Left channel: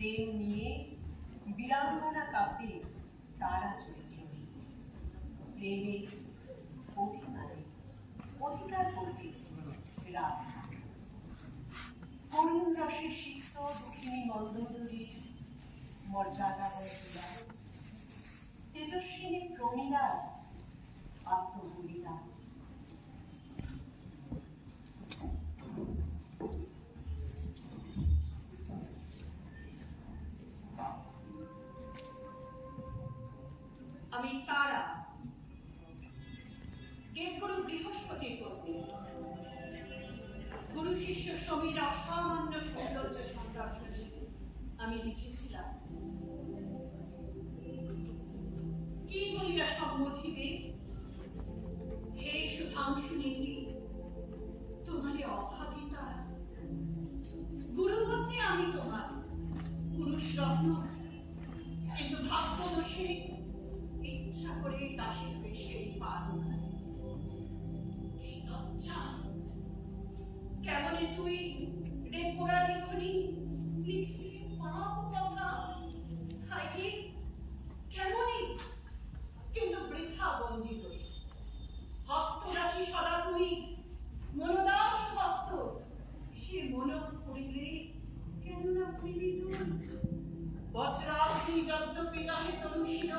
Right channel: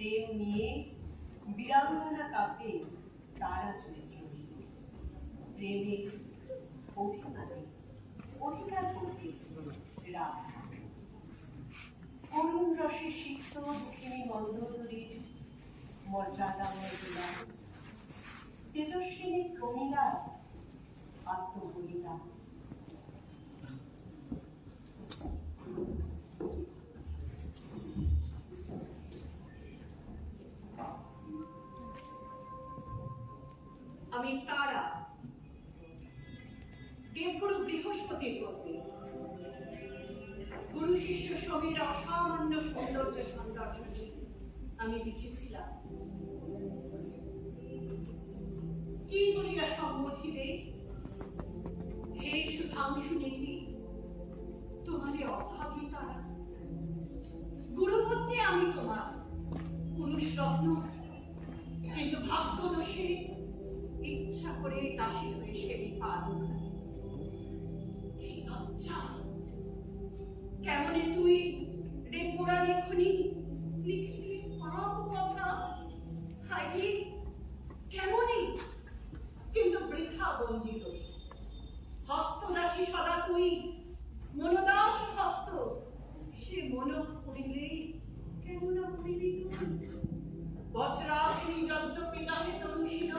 প্রেম নিয়ে বিড়ালখানা কাপে তারা চলেছেন জীবনে। প্রেমের অধিকারে, অধিকার করবে করুণ রসে সিক্ত মন্দোদরীর মর্যাদা মনে দিলাম তেজস্বিনী প্রমীলার আমি তারা। দেবগুরু বৃহস্পতির পত্নী গুরু শিষ্য সমীর অসামান্য সৌন্দর্য সৌন্দর্য আমি লিখেছিলাম। কি বলিয়া হে সুধাংশু নিধি, তোমারে অভাগী তারা। গুরুপত্নী আমি তোমার। পুরুষ রত্ন কিন্তু ইচ্ছা করে দাসী হয়ে সেই তুই রে পোড়া কিন্তু বৃথা বঞ্চিত। হস্তদাসী সদা তুই, মনোদাস হস্ত। সে মন পড়িলে তুই? বজ্রাগ্নি যদ্যপি নাহে তনুষীয়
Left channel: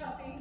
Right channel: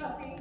shopping.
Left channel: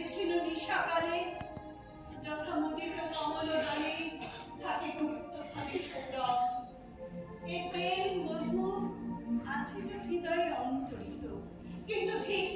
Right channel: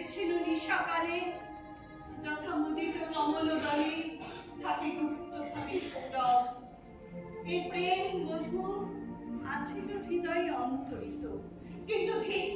ভেবেছিল নিশাকালে। যথা মুদিত কমল দলে থাকে গুপ্ত ভাবে সৌরভ এ প্রেম বধু, আছিল হৃদয়ে অন্তরিত। কিন্তু ঠিক